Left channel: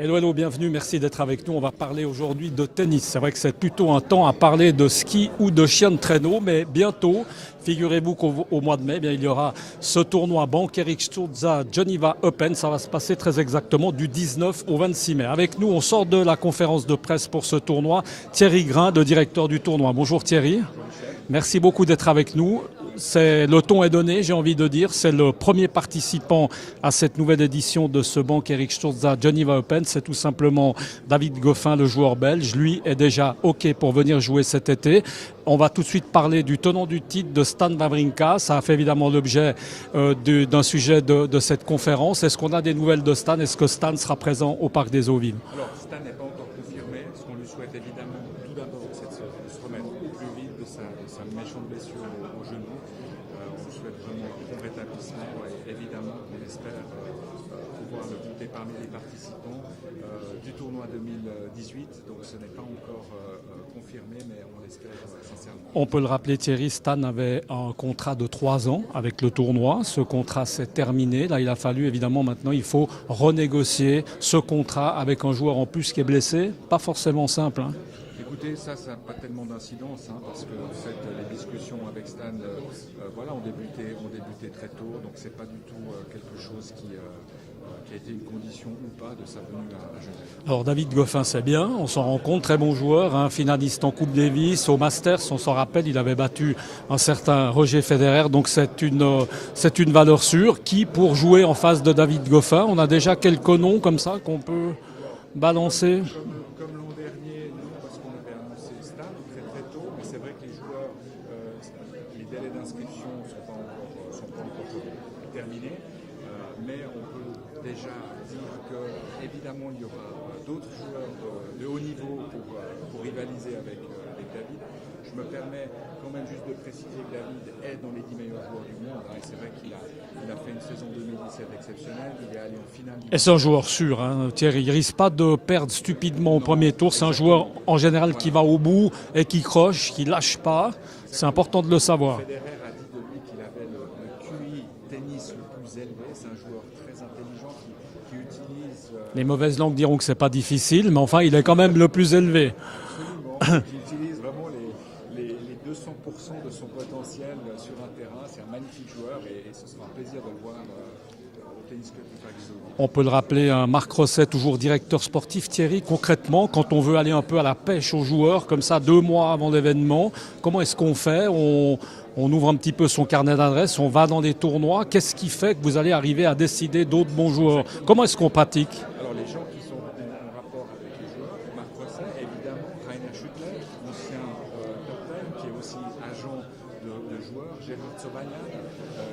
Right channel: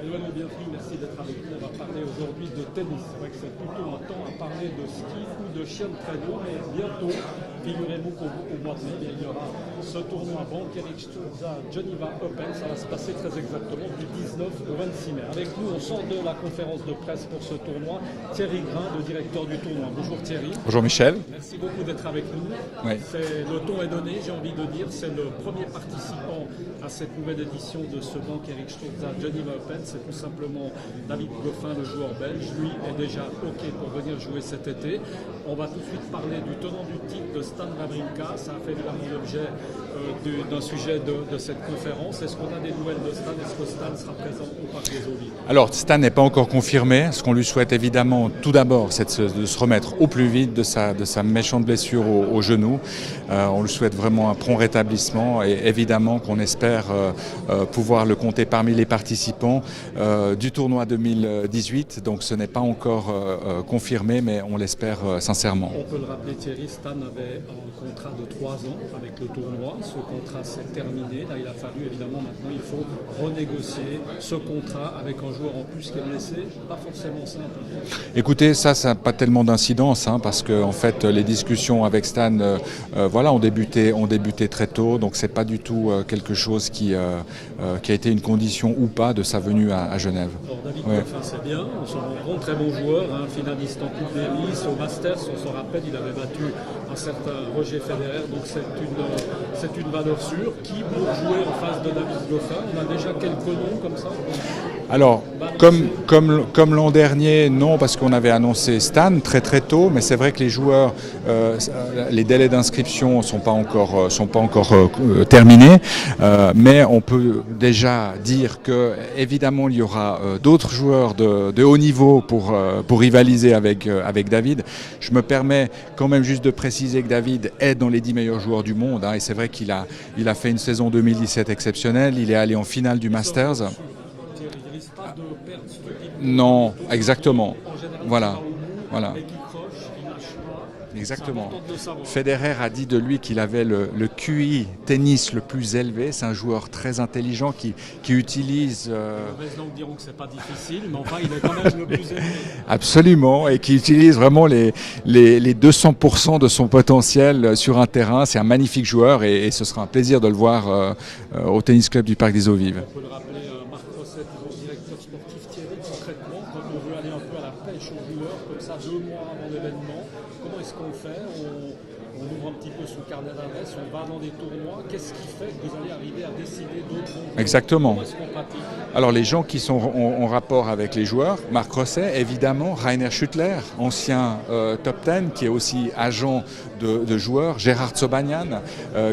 Hello, hello, bienvenue, merci d'être avec nous. On va parler aujourd'hui de tennis. C'est vrai que c'est plutôt un temps à parler de ski ou de chien de traîneau, mais bientôt, figurez-vous qu'au mois de mai, il y aura ce tournoi Bank Eric Sturza Geneva Open. Ça va se passer très exactement du 19 au 26 mai. Avec nous, on sort de la conférence de presse pour ce tournoi. Thierry Grain, le directeur du tournoi. Bonjour Thierry. Bonjour Michel. Merci beaucoup d'être avec nous. Oui. Le ton est donné, j'ai envie de dire. C'est le premier participant à cette nouvelle édition de ce Bank Eric Sturza Geneva Open. C'est tout simplement David Goffin, le joueur belge. Lui est déjà OK pour venir jouer cet été. On va tout de suite parler du tenant du titre de Stan Wawrinka. Ça a fait évidemment l'objet d'un sujet de cette conférence. Est-ce qu'on a des nouvelles de Stan? Est-ce que Stan sera présent au Parc des Eaux Vives? Alors Stan n'est pas encore confirmé. Ce qu'on lui souhaite évidemment tout d'abord, c'est de se remettre au plus vite de sa méchante blessure au genou. On lui souhaite vraiment un prompt rétablissement et évidemment qu'on espère pouvoir le compter parmi les participants du tournoi 2018. Donc ce n'est pas encore confirmé, mais on l'espère sincèrement. On peut le rappeler, Thierry, Stan avait un contrat de 3 ans avec le tournoi. Ce contrat s'est terminé. Là, il a fallu, évidemment, maintenant, il faut renégocier ce contrat avec un joueur en plus qui est blessé. Pas forcément simple. Écoutez, ça n'a pas tellement d'incidence, parce que en fait, les discussions avec Stan ont débuté très tôt. Donc, ce n'est pas du tout quelque chose qui a été une condition ou pas de sa venue à Genève. Alors, David Goffin, c'est bien. On s'en rend compte. Très bon joueur, finaliste en Coupe Davis, au Masters. On s'en rappelle, il avait battu un certain Roger Federer, donc c'est une valeur sûre. Qui pour jouer en face de David Goffin? On a déjà quelques noms comme ça qu'on peut balancer. Comme l'an dernier, non, parce qu'on avait annoncé Stan très très tôt, mais c'est vrai que les joueurs, les délais d'inscription sont pas encore terminés, mais on peut déjà dire que évidemment il y aura d'autres joueurs de haut niveau pour rivaliser avec David. Je me permets quand même juste de préciser que David est dans les 10 meilleurs joueurs du monde, et c'est vrai qu'il a fait une saison 2017 exceptionnelle. Il est allé en finale du Masters. C'est un joueur sûr, Thierry. Il risque pas de perdre stupidement au premier tour. C'est un joueur en général qui va au bout et qui croche, qui lâche pas. C'est important de le savoir. Federer a dit de lui qu'il avait le QI tennis le plus élevé. C'est un joueur très intelligent qui utilise... Les mauvaises langues diront que c'est pas difficile, mais enfin il est quand même le plus élevé. Absolument, et qui utilise vraiment les 200% de son potentiel sur un terrain. C'est un magnifique joueur et ce sera un plaisir de le voir au Tennis Club du Parc des Eaux Vives. On peut le rappeler, Marc Rosset, toujours directeur sportif. Thierry, concrètement, quand on veut aller un peu à la pêche aux joueurs, comme ça 2 mois avant l'événement, comment est-ce qu'on fait? On ouvre un petit peu son carnet d'adresses, on va dans des tournois. Qu'est-ce qui fait que vous allez arriver à décider d'autres bons joueurs? Exactement. Comment est-ce qu'on pratique? Alors les gens qui sont en rapport avec les joueurs, Marc Rosset, évidemment, Rainer Schüttler, ancien top 10, qui est aussi agent de joueurs, Gérard Sobanian,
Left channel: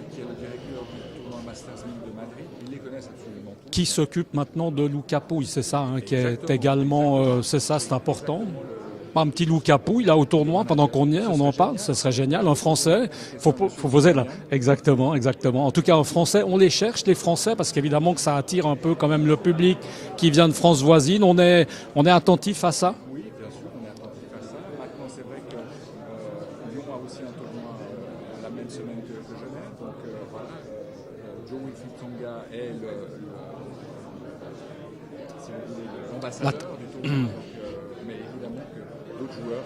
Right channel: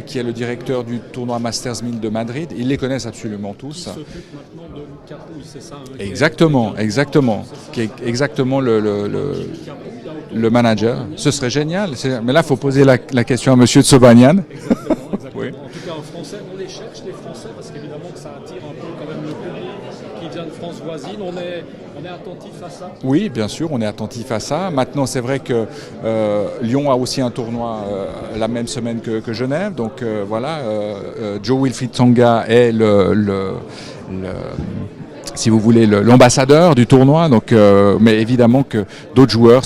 qui est le directeur du tournoi Masters 1000 de Madrid. Ils les connaissent absolument tous. Qui s'occupe maintenant de Luca Pouille, c'est ça? Exactement, exactement. C'est ça, c'est important. Exactement un petit Luca Pouille, là, au tournoi, le manager. Ce serait génial. Mais là, il faut poser la question à Monsieur Sobanian. Exactement. Oui. En tout cas, en français, on les cherche, les Français, parce qu'évidemment que ça attire un peu quand même le public qui vient de France voisine. On est attentif à ça? Oui, bien sûr, on est attentif à ça. Maintenant, c'est vrai que Lyon a aussi un tournoi la même semaine que Genève. Donc Jo-Wilfried Tsonga est si vous voulez, l'ambassadeur du tournoi. Donc, mais évidemment que d'autres joueurs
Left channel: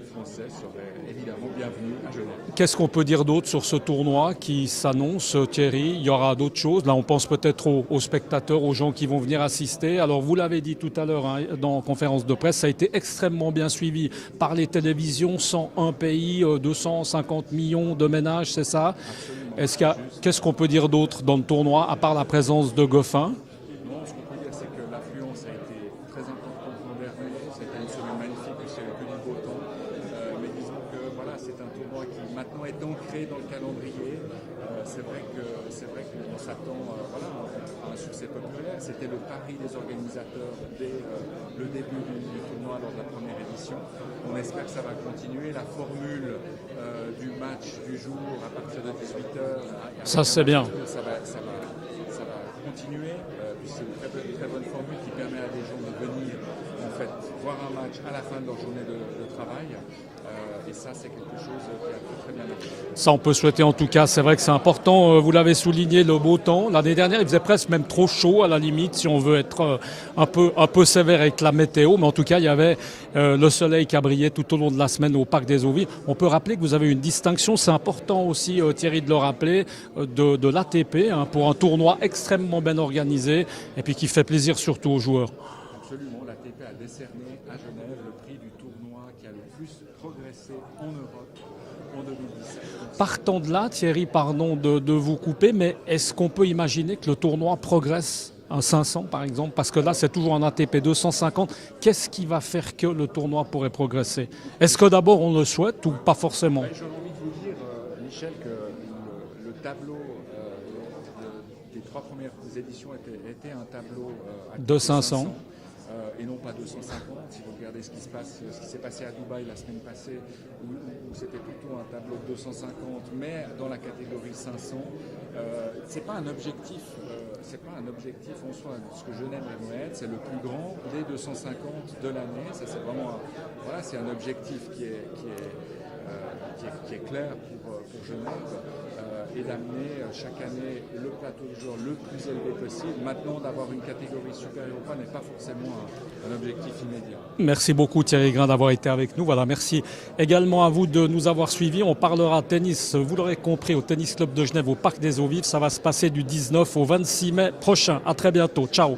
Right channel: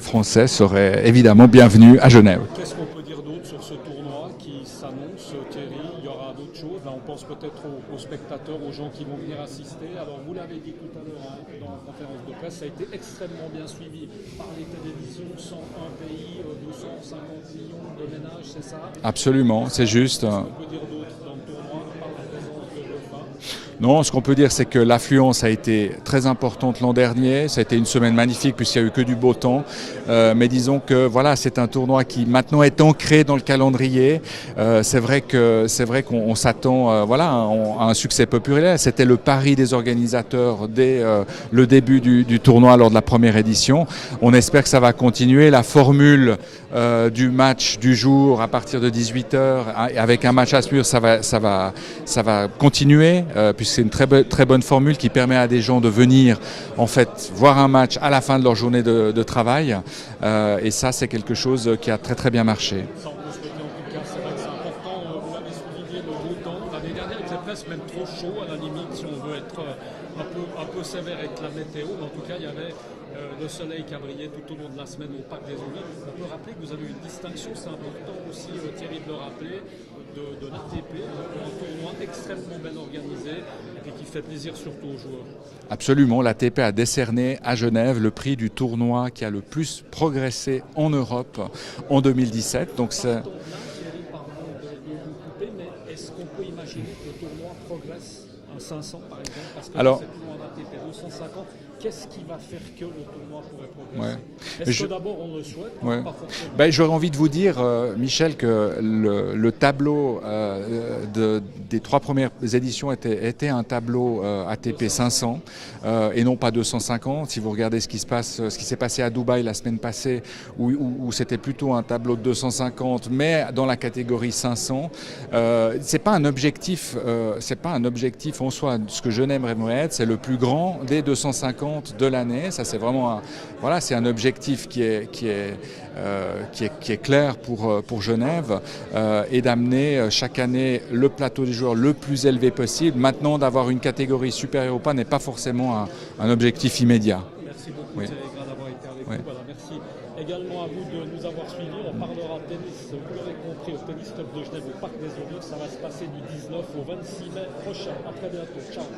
français seraient évidemment bienvenus à Genève. Qu'est-ce qu'on peut dire d'autre sur ce tournoi qui s'annonce, Thierry? Il y aura d'autres choses. Là, on pense peut-être aux spectateurs, aux gens qui vont venir assister. Alors, vous l'avez dit tout à l'heure dans conférence de presse, ça a été extrêmement bien suivi par les télévisions. 101 pays, 250 millions de ménages, c'est ça? Absolument, c'est juste. Qu'est-ce qu'on peut dire d'autre dans le tournoi, à part la présence de Goffin? Non, ce qu'on peut dire, c'est que l'affluence a été très importante l'an dernier. Ça a été une semaine magnifique puisqu'il n'y a eu que du beau temps. Mais disons que c'est un tournoi qui maintenant est ancré dans le calendrier. C'est vrai qu'on s'attend à un succès populaire. C'était le pari des organisateurs dès le début du tournoi lors de la première édition. On espère que ça va continuer. La formule du match du jour à partir de 18h avec un match à Spur, ça va continuer puisque c'est une très bonne formule qui permet à des gens de venir en fait voir un match à la fin de leur journée de travail. Et ça, c'est quelque chose qui a très très bien marché. Ça, on peut souhaiter en tout cas. C'est vrai que c'est important. Vous l'avez souligné, le beau temps. L'année dernière, il faisait presque même trop chaud à la limite, si on veut être un peu sévère avec la météo. Mais en tout cas, il y avait le soleil qui a brillé tout au long de la semaine au Parc des Eaux Vives. On peut rappeler que vous avez une distinction. C'est important aussi, Thierry, de le rappeler, de l'ATP, pour un tournoi extrêmement bien organisé et puis qui fait plaisir surtout aux joueurs. Absolument, l'ATP a décerné à Genève le prix du tournoi qui a le plus progressé en Europe en 2017. Donc partant de là, Thierry, pardon de vous couper, mais est-ce qu'on peut imaginer que le tournoi progresse un 500 par exemple, parce que là c'est toujours un ATP 250. Qu'est-ce qui va faire que le tournoi pourrait progresser? Est-ce que d'abord on le souhaite ou pas forcément? J'aurais envie de vous dire, Michel, que le tableau des 3 premières éditions était un tableau ATP 500 et non pas 250. Si vous regardez ce qui s'est passé à Dubaï la semaine passée, où c'était plutôt un tableau de 250, mais dans la catégorie 500, c'est pas un objectif en soi. Ce que Genève aimerait être, c'est le plus grand des 250 de l'année. Ça, c'est vraiment c'est un objectif qui est clair pour Genève, et d'amener chaque année le plateau des joueurs le plus élevé possible. Maintenant, d'avoir une catégorie supérieure ou pas n'est pas forcément un objectif immédiat. Merci beaucoup Thierry Grain d'avoir été avec nous. Voilà, merci également à vous de nous avoir suivis. On parlera tennis, vous l'aurez compris, au Tennis Club de Genève au Parc des Eaux Vives. Ça va se passer du 19 au 26 mai prochain. À très bientôt. Ciao.